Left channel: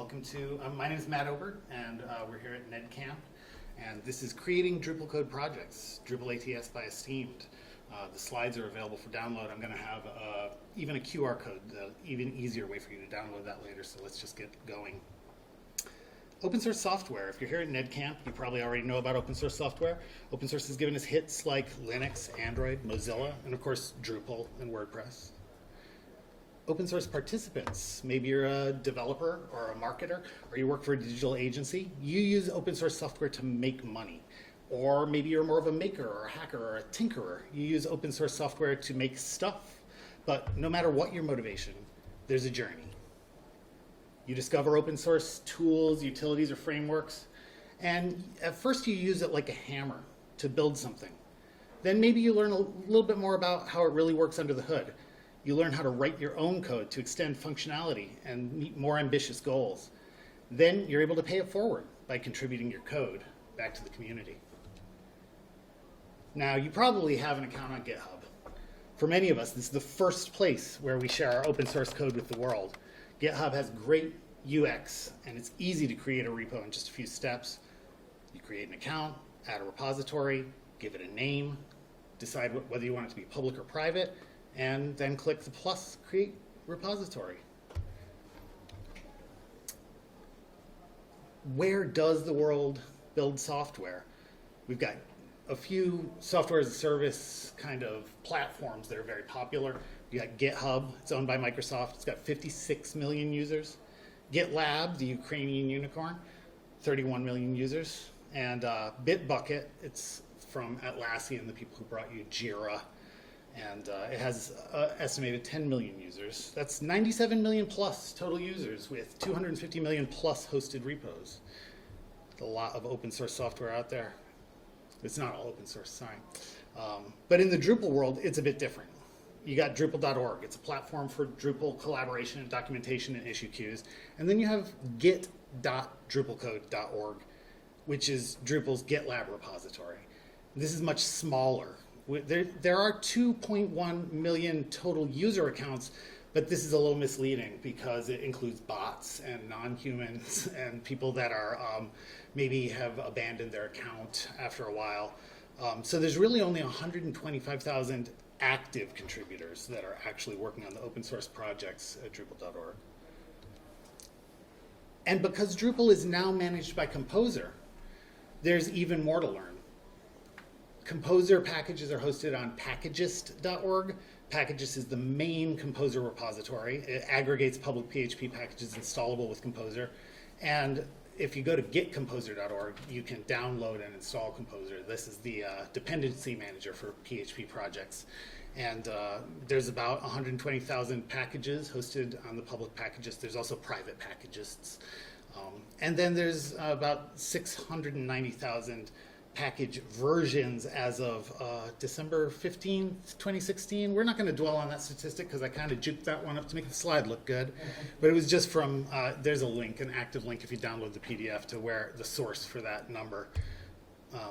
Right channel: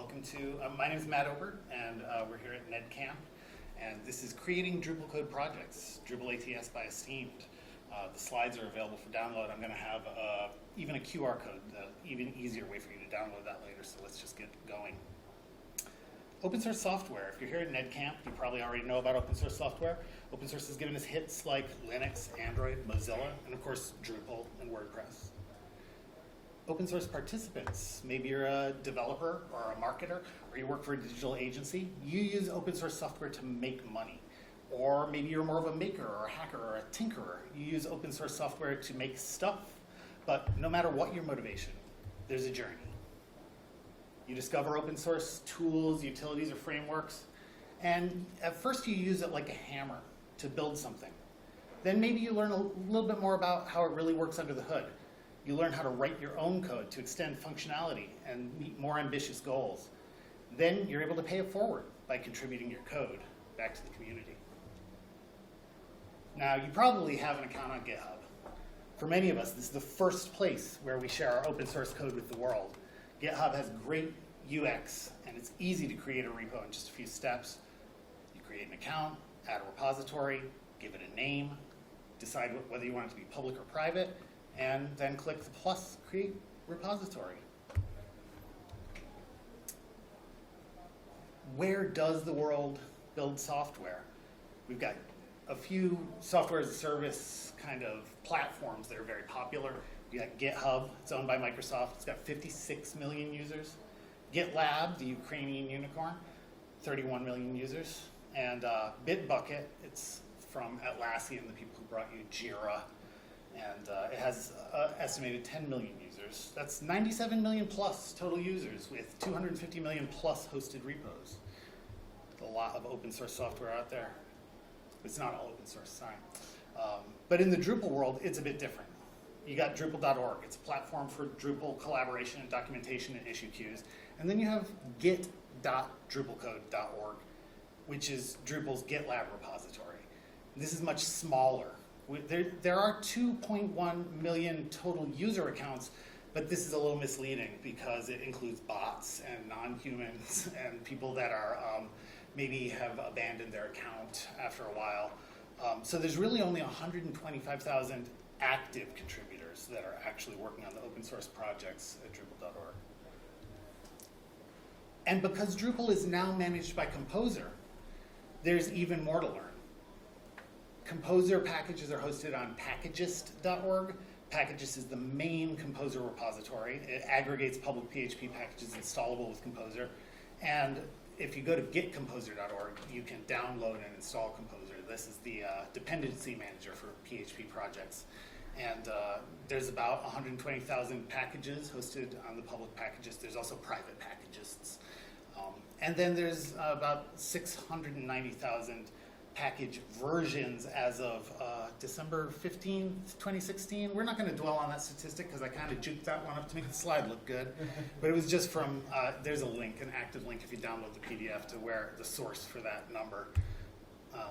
welcome to, my name is Matt Obert, and we're here at NedCamp, and this is Creating Drupalcode Projects, Drupal ATS by Esteemed. The slides are available for download. I'm going to have even a QR code, even easier way for you to download that later, so let's just get going. Open source software. If you're here at NedCamp, you probably already know about open source software. Open source has given us hits like Linux, Android, Mozilla, and of course Drupal and WordPress. Open source participants. Maybe you're a developer or a marketer, or you work for a digital agency. You use open source software to make money. Or maybe you're more of a maker or a hacker or a tinkerer. You use open source software to make stuff. But no matter what your motivation, there's a journey. You discover open source tools, utilities, or frameworks, and at first you use it like a hammer to build something. Then maybe you learn a little bit more about how it really works under the hood. You learn how to write your own code to extend functionality and meet more ambitious goals. Then you're able to pay it forward by contributing your code back to the community. Now, you probably have an account on GitHub. For many of us, this is the first place where we share our open source code with the world. GitHub has great UX, and it's easy to create a repo in just a few steps. You create an account, add a repository, give it a name, decide whether you want it to be public or private, and then click the plus create repository. Where does the world build software? We've got a few software as a service kind of platforms that are very popular. You got GitHub, it's owned by Microsoft, it's got 56 million users. GitLab, the Ukrainian unicorn, 31 million users. And Bitbucket, it's from Atlassian, the people who brought you Jira. And it has estimated 10 million users. That's 97 million plus total users with 250 million plus hosted repos. A lot of open source software out there. It's not all open source, sorry. But in the Drupal world, it's a bit different. You got Drupal.org. It's a platform for Drupal collaboration, documentation, and issue queues. And then you have git.drupalcode.org, which is Drupal's GitLab repository. This is much smaller. There are 2.1 million total user accounts, but this is a little misleading because it includes bots and non-humans and people that are maybe have abandoned their account after a while. So there's really only 125,000 active contributors that are actually working on the open source projects at Drupal.org. And because Drupal is now managed by Composer, there's even more to learn. Composer packages are hosted on Packagist.org. Packagist is the main Composer repository. It aggregates public PHP packages installable with Composer. And if you go to getcomposer.org, you can download and install Composer. This is the dependency manager for PHP projects. And there's about 120,000 packages hosted on the public Packagist. There's also private Packagists. And then there's about 690,000 package versions as of December 15th, 2016. We're not going to dwell on that statistic because I kind of juked that one up to make the slide look good. But it was just from, there's a link, an active link if you download the PDF to where the source for that number.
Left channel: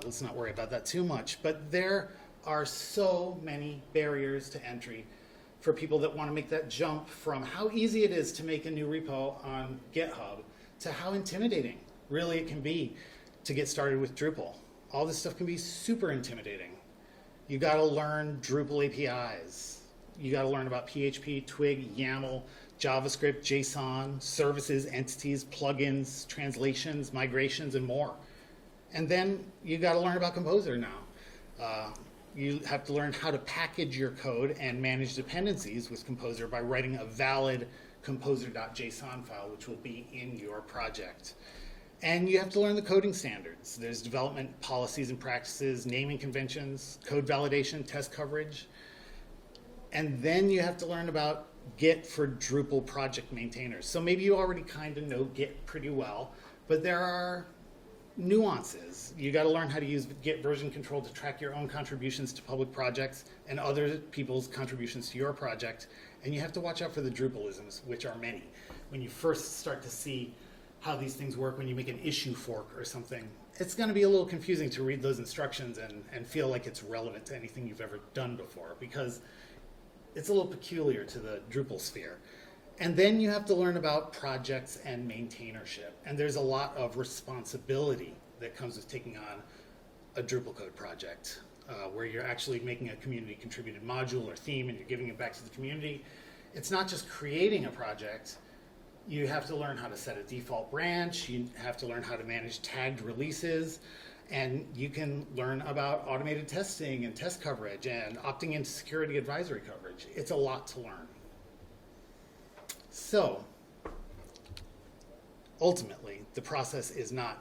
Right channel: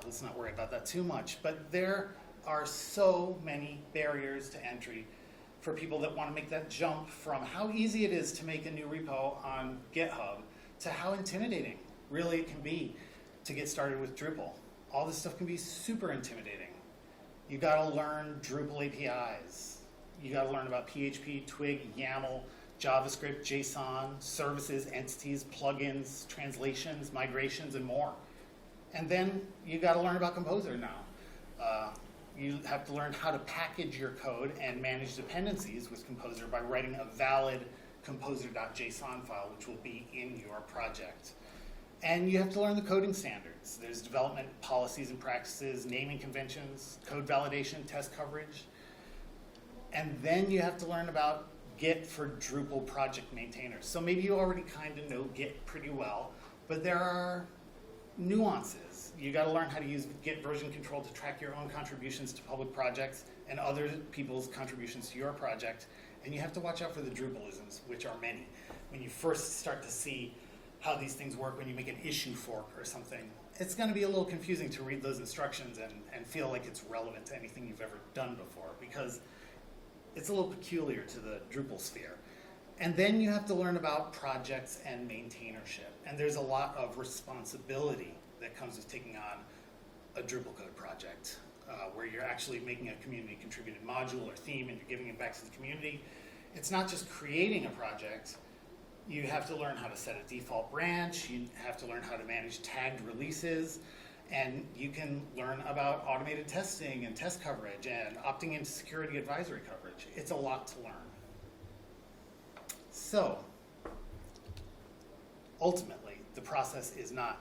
Let's not worry about that too much. But there are so many barriers to entry for people that want to make that jump from how easy it is to make a new repo on GitHub to how intimidating really it can be to get started with Drupal. All this stuff can be super intimidating. You got to learn Drupal APIs. You got to learn about PHP, Twig, YAML, JavaScript, JSON, services, entities, plugins, translations, migrations, and more. And then you got to learn about Composer now. You have to learn how to package your code and manage dependencies with Composer by writing a valid composer.json file, which will be in your project. And you have to learn the coding standards. There's development policies and practices, naming conventions, code validation, test coverage. And then you have to learn about Git for Drupal project maintainers. So maybe you already kind of know Git pretty well, but there are nuances. You got to learn how to use Git version control to track your own contributions to public projects and other people's contributions to your project. And you have to watch out for the Drupalisms, which are many. When you first start to see how these things work when you make an issue fork or something, it's going to be a little confusing to read those instructions and feel like it's relevant to anything you've ever done before, because it's a little peculiar to the Drupal sphere. And then you have to learn about projects and maintainership. And there's a lot of responsibility that comes with taking on a Drupalcode project, where you're actually making a community contributed module or theme and you're giving it back to the community. It's not just creating a project. You have to learn how to set a default branch. You have to learn how to manage tagged releases. And you can learn about automated testing and test coverage and opting into security advisory coverage. It's a lot to learn. So, ultimately, the process is not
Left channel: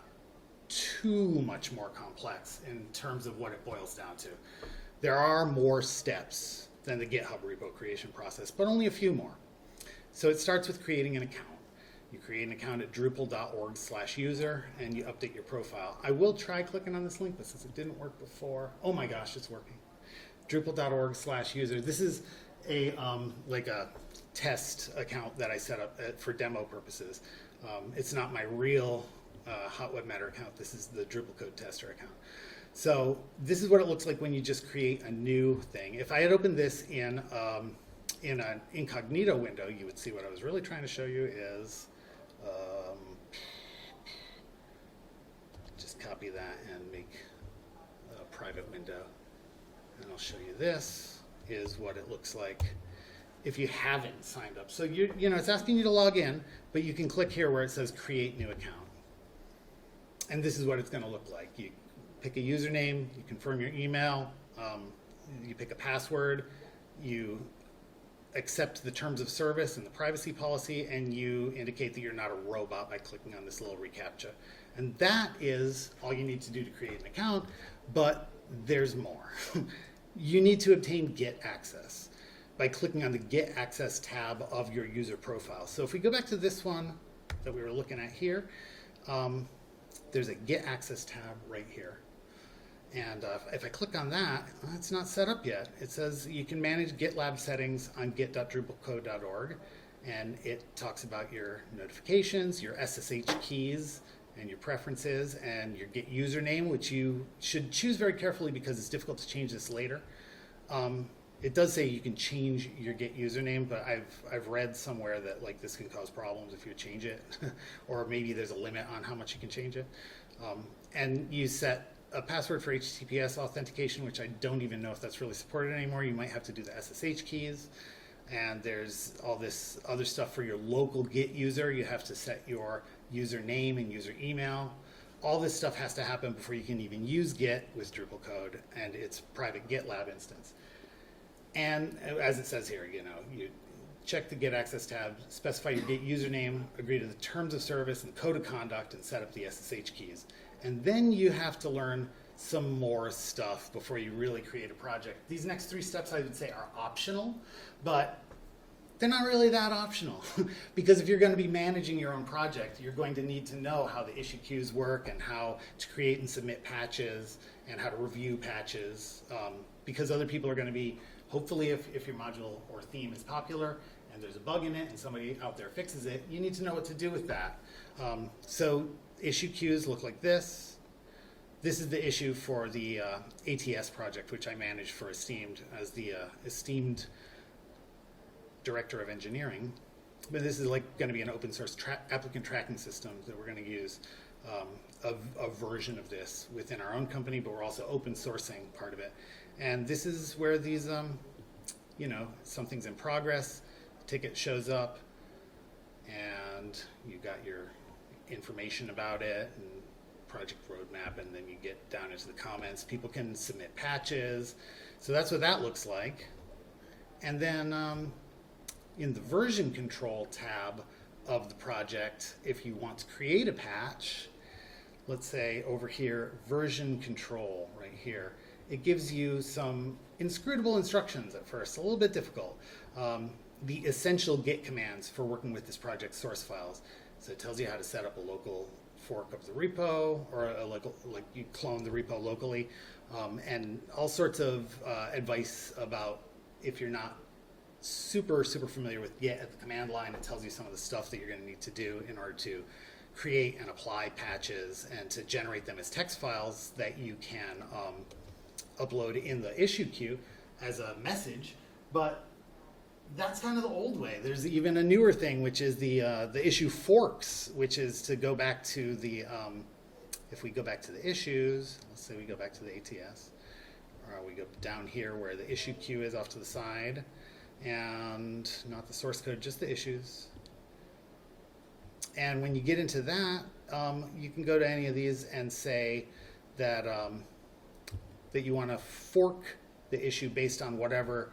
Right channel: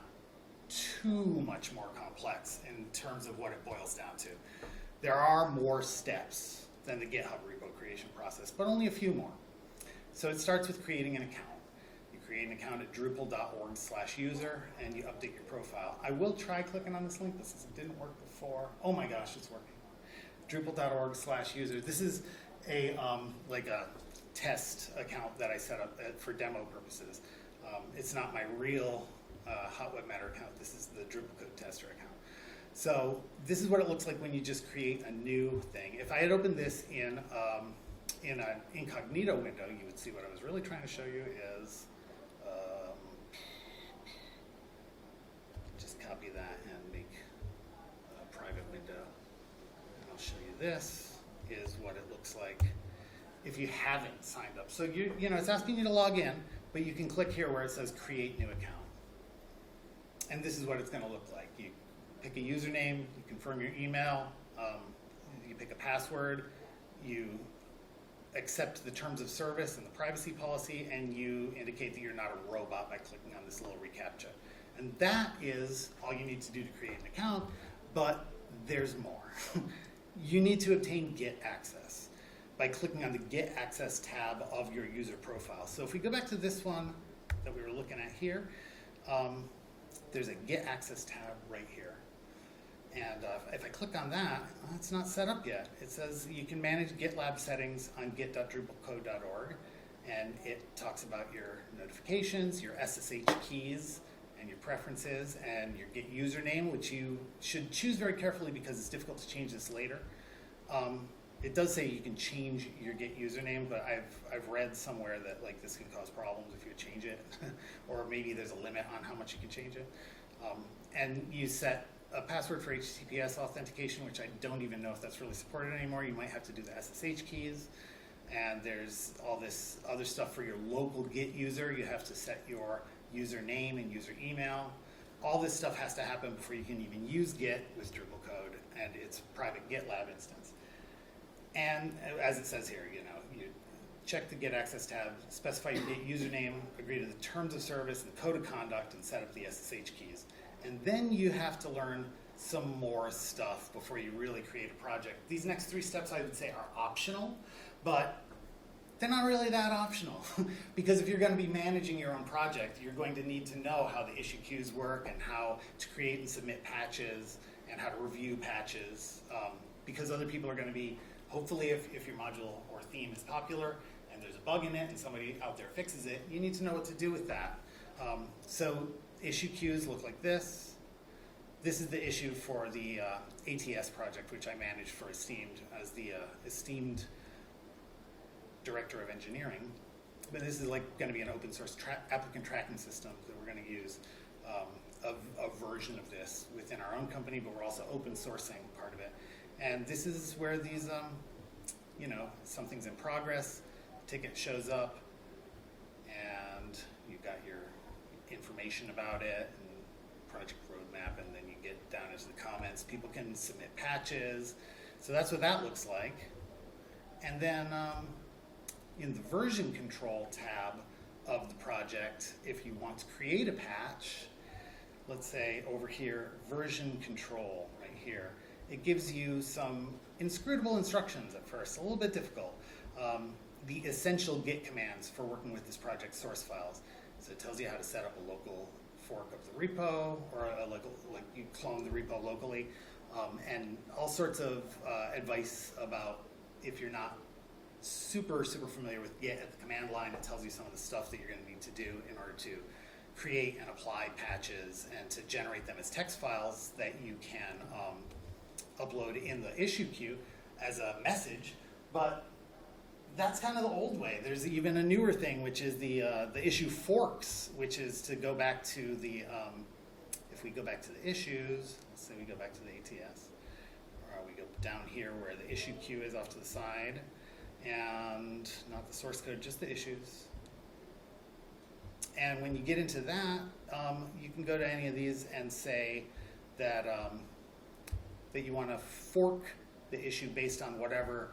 too much more complex in terms of what it boils down to. There are more steps than the GitHub repo creation process, but only a few more. So it starts with creating an account. You create an account at drupal.org/user and you update your profile. I will try clicking on this link, but since it didn't work before, oh my gosh, it's working. drupal.org/user. This is a like a test account that I set up for demo purposes. It's not my real Hot Web Matter account. This is the Drupalcode tester account. So this is what it looks like when you just create a new thing. If I had opened this in an incognito window, you would see what I was really trying to show you is, just copy that and make a private window. And I'll show you this is what it looks like if you haven't signed up. So it's asking you to log in, but you can click here where it says create new account. And this is what it's going to look like. You pick a username, you confirm your email, you pick a password, you accept the terms of service and the privacy policy, and you indicate that you're not a robot by clicking on this little reCAPTCHA. And that is all you need to do to create an account, but there's more. You need to obtain Git access by clicking on the Get Access tab of your user profile. So if we go back to this one that we were looking at here, there's a Get Access tab right here. And if I click on that, it's not set up yet. It says you can manage GitLab settings on git.drupalcode.org, and it talks about your notifications, your SSH keys, and your preferences, and your Git username, which you should choose very carefully because it's difficult to change this later. It does say you can change your Git username, but I've read somewhere that like this can cause problems if you change it, or maybe there's a limit on how much you can change it. And you set a password for HTTPS authentication, which I don't even know if that's really supported anymore. You might have to do the SSH keys. And there's all this other stuff for your local Git user. You have to set your username and user email. All this stuff has to happen before you can even use Git with Drupalcode and its private GitLab instance. And as it says here, you check the Get Access tab, specify your Git username, agree to the terms of service and code of conduct, and set up the SSH keys. And then you have to learn some more stuff before you really create a project. These next 3 steps I would say are optional, but they're not really that optional. Because if you're going to be managing your own project, you're going to need to know how the issue queues work and how to create and submit patches and how to review patches. Because other people are going to be, hopefully if your module or theme is popular and there's a bug in it and somebody out there fixes it, you need to know what to do with that. So issue queues look like this. This is the issue for the ATS project, which I manage for Esteemed as the Esteemed Director of Engineering. But this is like going to be an open source applicant tracking system that we're going to use, a version of this within our own company, but we're also open sourcing part of it. And this is where these, something's in progress, ticket shows up, and you got your information about it, and project roadmap, and then you get down into the comments. People can submit patches. So that's what that looks like. And then in the version control tab of the project, if you want to create a patch, let's say over here, version control right here, it gives you some inscrutable instructions at first, a little bit difficult. The essential Git commands for working with this project source files. So it tells you how to set up a local fork of the repo, or you clone the repo locally, and all sorts of advice about if you're not super familiar with Git at the command line. It tells you some of the stuff that you're going to need to do in order to create and apply patches and to generate them as text files that you can upload in the issue queue as a message. But that's kind of the old way. There's even a newer thing, which is the issue forks, which is to go back to the, if we go back to the issues, let's say we go back to the ATS, or we go down here where the issue queue is off to the side, and not the source code, just the issues. And when you get into that, you can go to any of these and say that, that you want to fork the issue based on whatever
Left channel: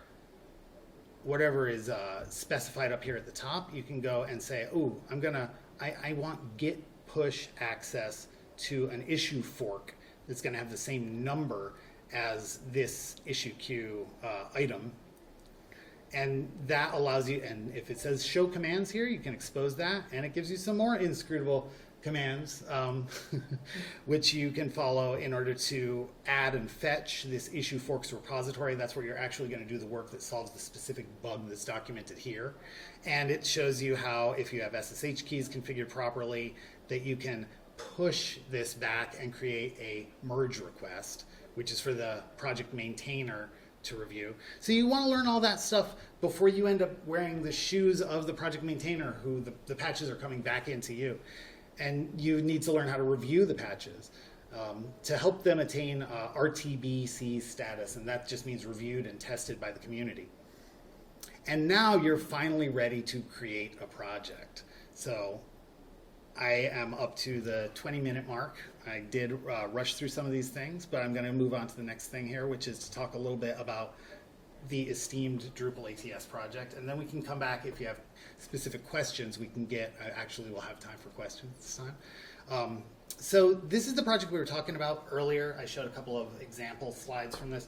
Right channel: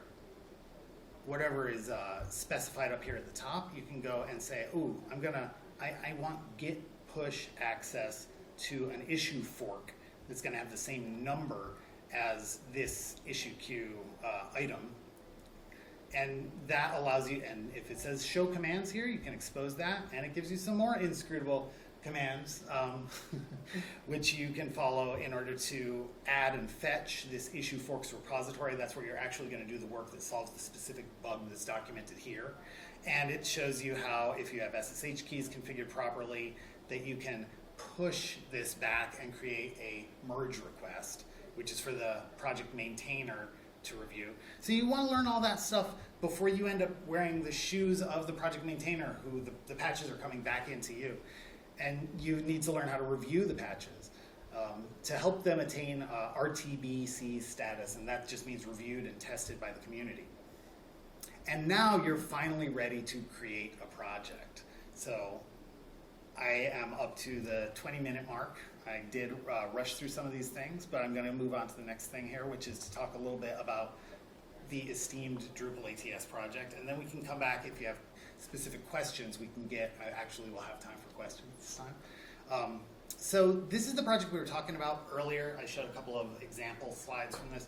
is specified up here at the top. You can go and say, oh, I want git push access to an issue fork that's going to have the same number as this issue queue item. And that allows you, and if it says show commands here, you can expose that, and it gives you some more inscrutable commands, which you can follow in order to add and fetch this issue forks repository. That's where you're actually going to do the work that solves the specific bug that's documented here. And it shows you how, if you have SSH keys configured properly, that you can push this back and create a merge request, which is for the project maintainer to review. So you want to learn all that stuff before you end up wearing the shoes of the project maintainer, who the patches are coming back into you. And you need to learn how to review the patches to help them attain RTBC status, and that just means reviewed and tested by the community. And now you're finally ready to create a project. So I am up to the 20-minute mark. I did rush through some of these things, but I'm going to move on to the next thing here, which is to talk a little bit about the Esteemed Drupal ATS project, and then we can come back if you have specific questions. We can get, actually we'll have time for questions this time. So this is the project we were talking about earlier. I showed a couple of example slides from this.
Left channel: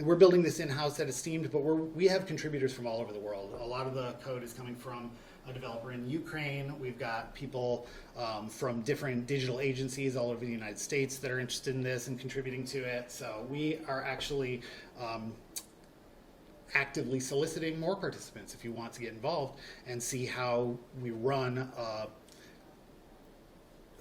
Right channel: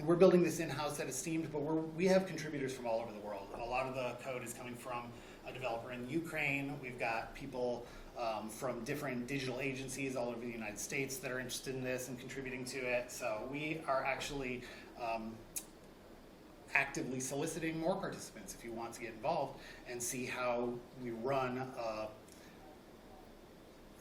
We're building this in-house at Esteemed, but we have contributors from all over the world. A lot of the code is coming from a developer in Ukraine. We've got people from different digital agencies all over the United States that are interested in this and contributing to it. So we are actually actively soliciting more participants if you want to get involved and see how we run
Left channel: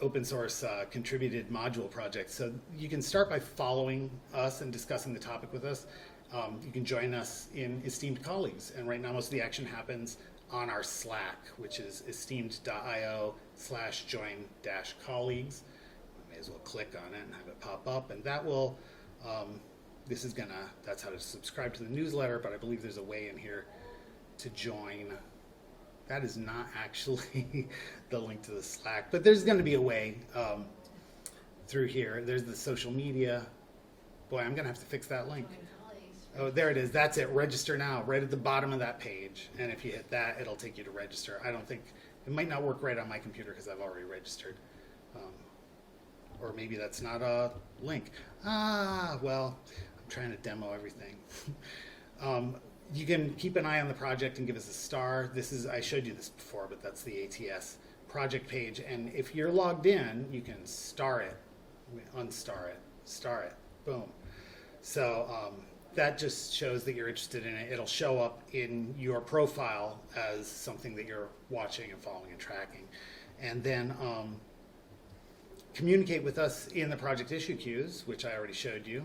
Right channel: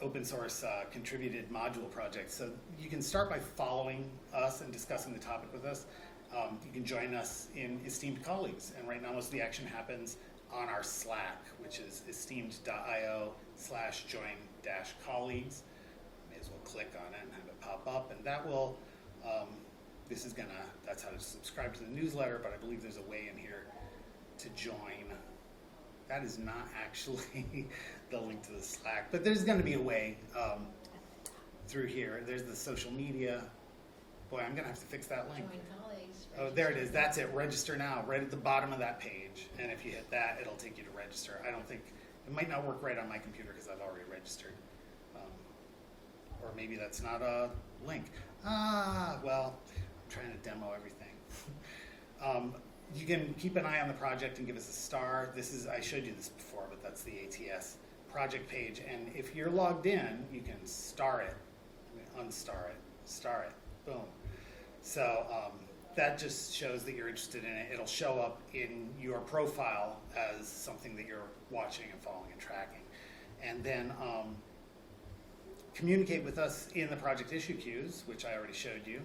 open source contributed module projects. So you can start by following us and discussing the topic with us. You can join us in Esteemed Colleagues, and right now most of the action happens on our Slack, which is esteemed.io/join-colleagues. May as well click on it and have it pop up, and that will, that's how to subscribe to the newsletter, but I believe there's a way in here to join. That is not actually the link to the Slack, but there's going to be a way through here. There's the social media. Boy, I'm going to have to fix that link. Oh, there it is. That's it. Register now, right at the bottom of that page. And if you hit that, it'll take you to register. I don't think, it might not work right on my computer because I've already registered. Or maybe that's not a link. Well, I'm trying to demo everything. You can keep an eye on the project and give us a star. I showed you this before, but that's the ATS project page. And if you're logged in, you can star it, unstar it, star it, boom. So that just shows that you're interested in it. It'll show up in your profile as something that you're watching and following and tracking. And then communicate with us in the project issue queues, which I already showed you.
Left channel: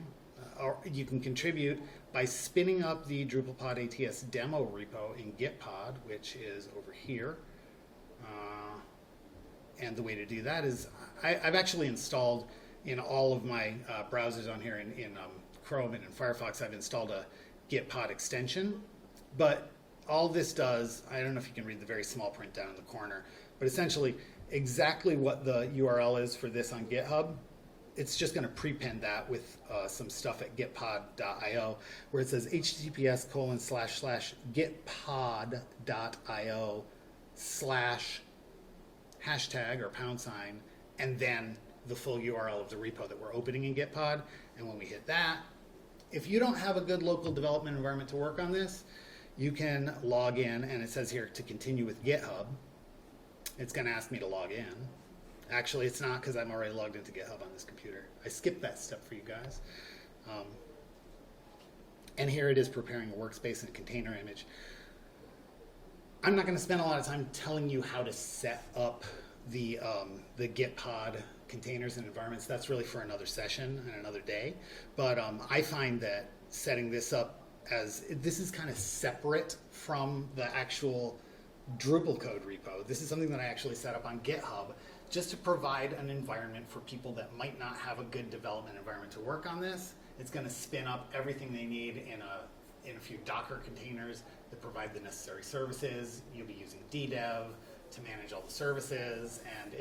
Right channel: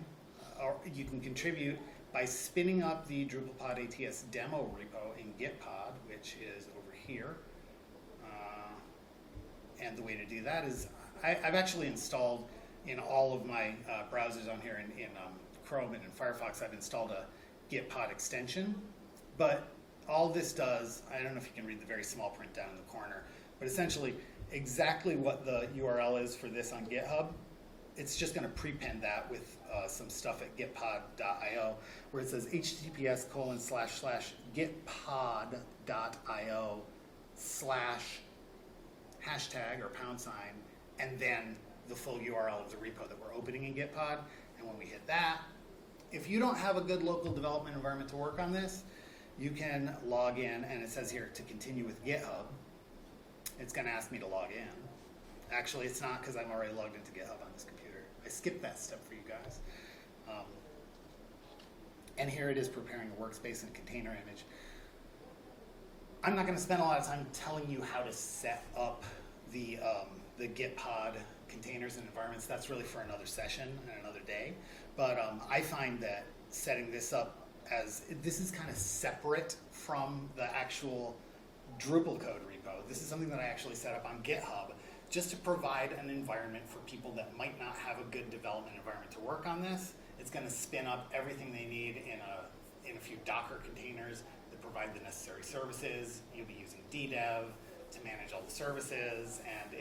Or you can contribute by spinning up the Drupalpod ATS demo repo in Gitpod, which is over here. And the way to do that is, I've actually installed in all of my browsers on here in Chrome and in Firefox, I've installed a Gitpod extension. But all this does, I don't know if you can read the very small print down in the corner, but essentially exactly what the URL is for this on GitHub, it's just going to prepend that with some stuff at gitpod.io, where it says https://gitpod.io/# or #, and then the full URL of the repo that we're opening in Gitpod. And when we hit that, if you don't have a good local development environment to work on this, you can log in, and it says here to continue with GitHub. It's going to ask me to log in. Actually, it's not, because I'm already logged into GitHub on this computer. I skipped that step for you guys. And here it is preparing a workspace and container image. I'm not going to spend a lot of time telling you how to set up the Gitpod containers and environments. That's really for another session and another day. But I find that setting this up as this is kind of separate from the actual Drupal code repo. This is something that I actually set up on GitHub just to provide an environment for people that might not have a good development environment to work on this. It's going to spin up everything they need in a few Docker containers that provide the necessary services. You'll be using DDEV to manage all the services, and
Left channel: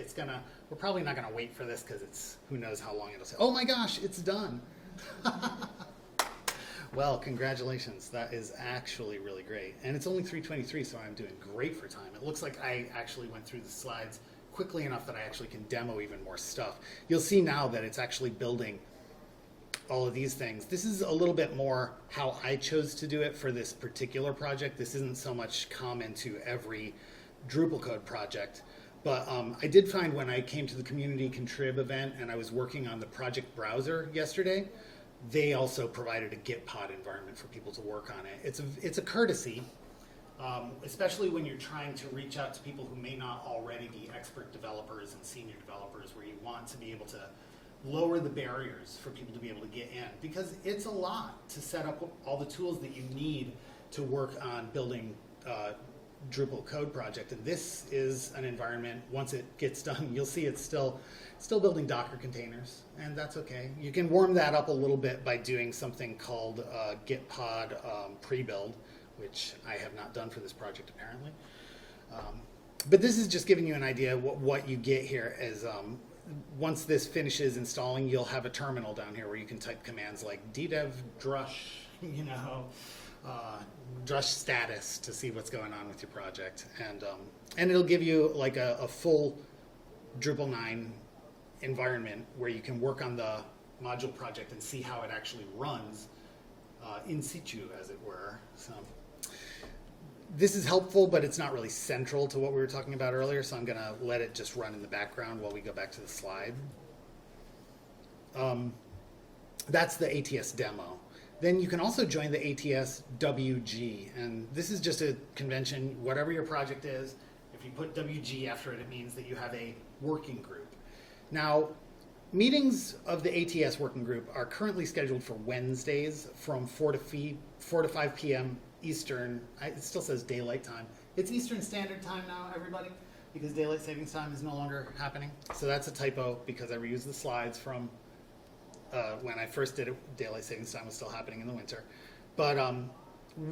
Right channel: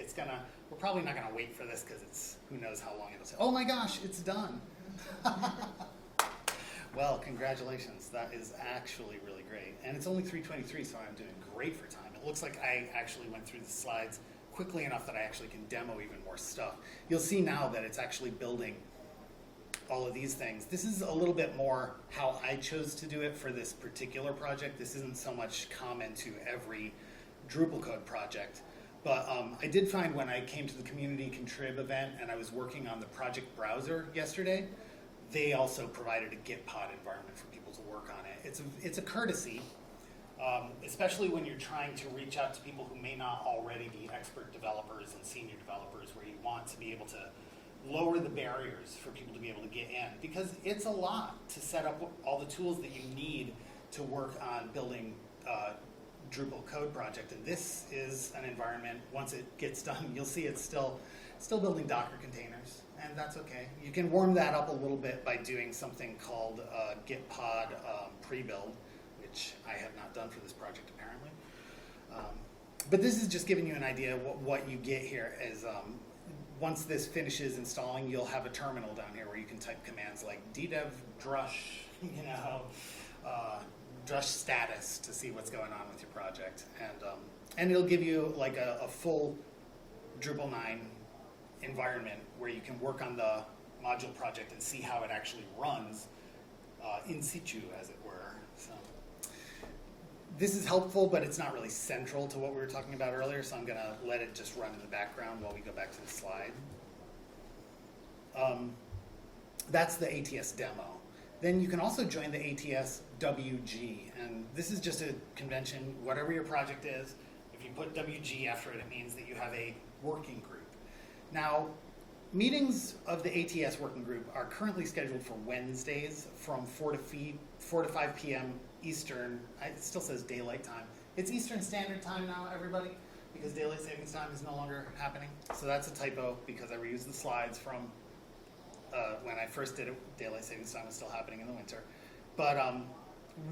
we're probably not going to wait for this because it's, who knows how long it'll say. Oh my gosh, it's done. Well, congratulations. That is actually really great. And it's only 3:23, so I'm doing great for time. It looks like I actually went through the slides quickly enough that I actually can demo even more stuff. You'll see now that it's actually building all of these things. This is a little bit more how I chose to do it for this particular project. This isn't so much common to every Drupalcode project, but I did find when I came to the community contrib event and I was working on the project browser yesterday, they also provided a Git pod environment for people to work on it. It's a courtesy, especially when you're trying to reach out to people who may not already be expert developers and senior developers, where you want to be able to lower the barriers for people to be able to get in, because it's a lot to set up all the tools that you need to work on building Drupal code project. And this is an environment, once it gets done, you'll see it's still building Docker containers, and that's okay. You can warm that up a little bit by doing something called Git pod pre-build, which I have not done for this project apparently. But this is just giving you an idea of what you get here as once this finishes installing, you'll have a terminal down here where you can type commands like ddev drush, drush status to see what's going on with your project, and it'll give you like a full Drupal 9 environment where you can work on the module project and see how it actually runs in situ, as it were. So this is helpful, but it's not really central to what we were talking about earlier, so I'm going to let it just run in the background while we go back to the slide. That's the ATS demo. Then you can also join the ATS WG, and this is just a convention. Whatever your project is, if you put WG after it, it means that you have a working group. Now, meetings of the ATS working group are currently scheduled for Wednesdays from 4 to 5 p.m. Eastern. It still says daylight time. It's Eastern Standard Time now, everybody, because daylight savings time is no longer happening. So that's a typo because I reused the slides from when I first did it. Daylight savings time was still happening in the winter. But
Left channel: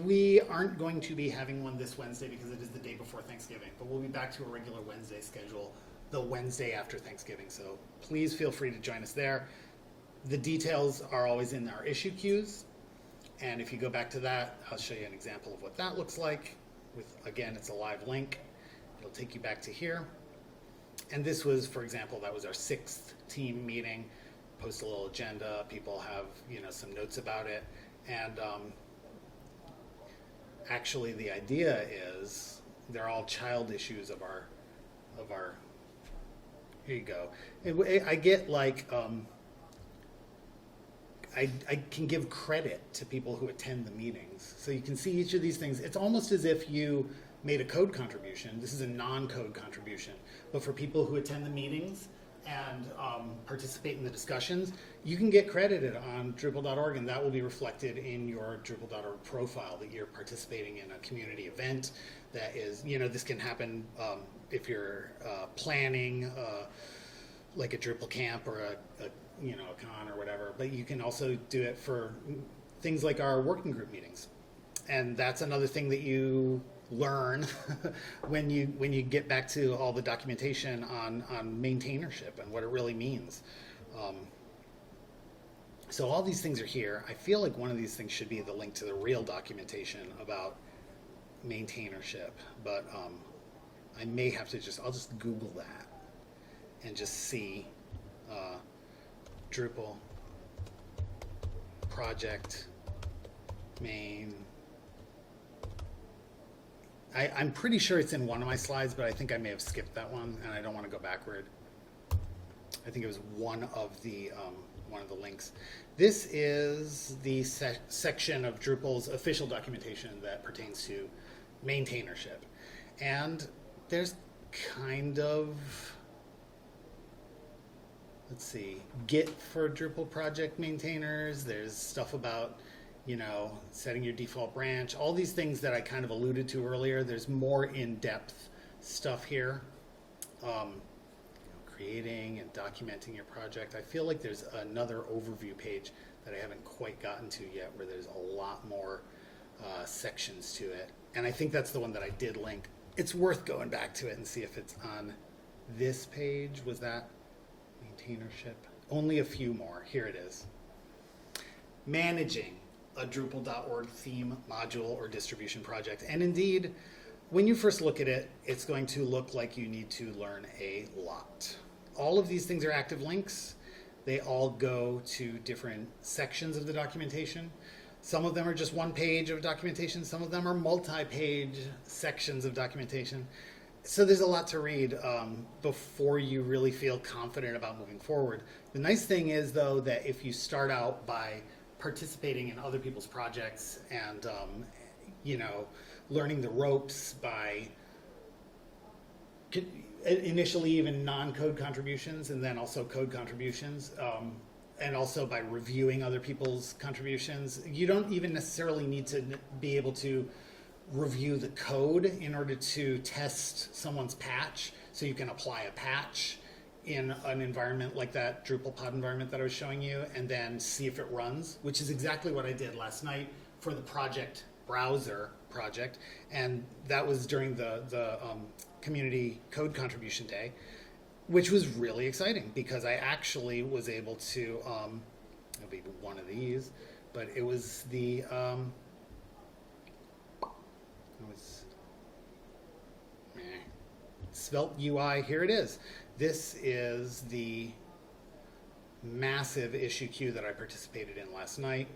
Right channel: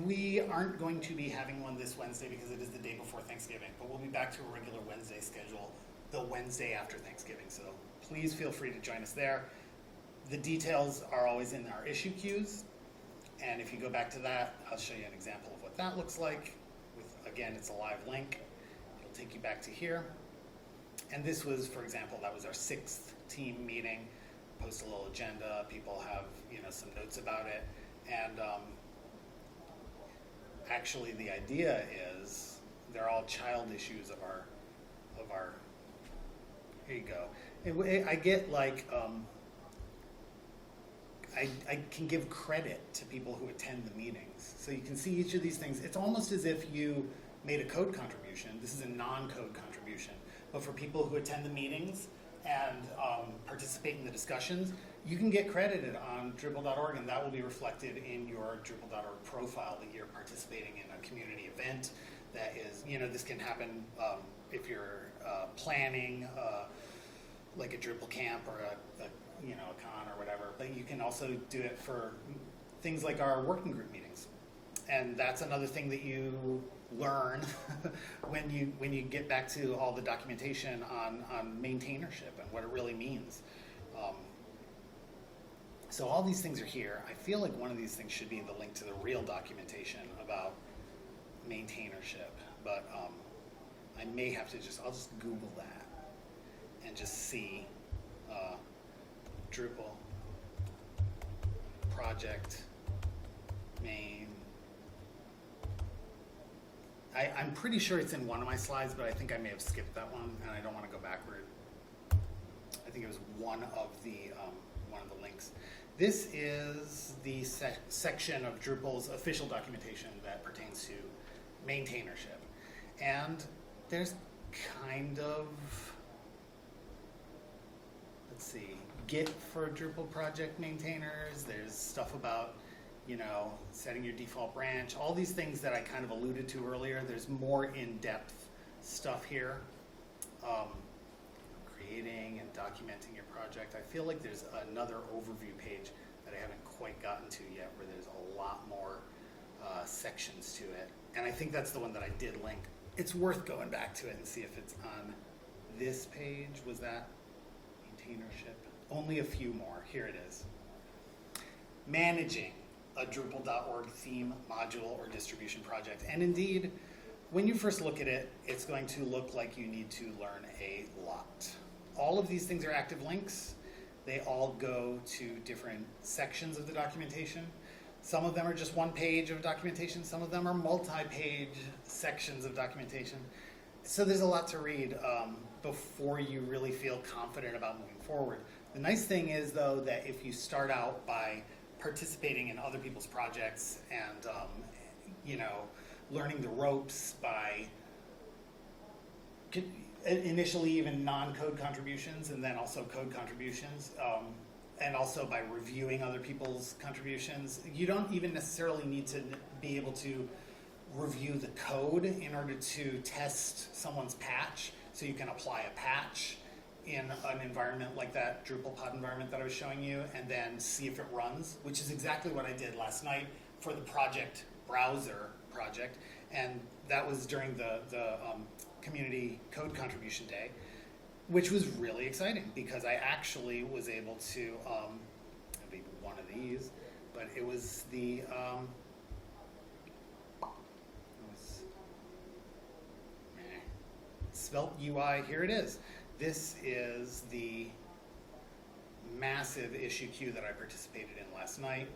we aren't going to be having one this Wednesday because it is the day before Thanksgiving. But we'll be back to a regular Wednesday schedule the Wednesday after Thanksgiving. So please feel free to join us there. The details are always in our issue queues. And if you go back to that, I'll show you an example of what that looks like. Again, it's a live link. It'll take you back to here. And this was, for example, that was our 6th team meeting. Post a little agenda. People have, some notes about it. And actually, the idea is they're all child issues of our. Here you go. I get like. I can give credit to people who attend the meetings. So you can see each of these things. It's almost as if you made a code contribution. This is a non-code contribution. But for people who attend the meetings and participate in the discussions, you can get credited on Drupal.org, and that will be reflected in your Drupal.org profile that you're participating in a community event. That is, this can happen if you're planning like a Drupal camp or a con or whatever, but you can also do it for things like our working group meetings. And that's another thing that you learn when you get back to all the documentation on maintainership and what it really means. So all these things are here. I feel like one of these things should be the link to the real documentation about maintainership, but I may have to I'll just Google that and just see Drupal project main. I'm pretty sure it's in one of my slides, but I think I may have skipped that one, and I don't want to go backward. I think it was one of the links. This is the section of Drupal's official documentation that pertains to maintainership, and there's kind of, let's see, Git for Drupal project maintainers. There's stuff about setting your default branch, all these things that I kind of alluded to earlier. There's more in-depth stuff here. Creating and documenting your project. I feel like there's another overview page that I haven't quite gotten to yet where there's a lot more sections to it. And I think that's the one that I did link. It's worth going back to it and see if it's on this page. Was that maintainership? Only a few more. Here it is. Managing a Drupal.org theme, module, or distribution project. And indeed, when you first look at it, it's going to look like you need to learn a lot. All of these things are active links. They all go to different sections of the documentation. Some of them are just one page of documentation. Some of them are multi-page sections of documentation. So there's a lot to read before you really feel confident about moving forward. The nice thing is, though, that if you start out by participating in other people's projects and learning the ropes by initially even non-code contributions and then also code contributions, and also by reviewing other people's contributions, you don't even necessarily need to be able to review the code in order to test someone's patch, so you can apply a patch in an environment like that Drupal pod environment that I was showing you, and then see if it runs, which is exactly what I did last night for the project browser project, and that was during the community code contribution day, which was really exciting because I actually was able to, it'll be one of these, but it was the, Svelte UI, here it is. This is the massive issue queue that I participated in last night,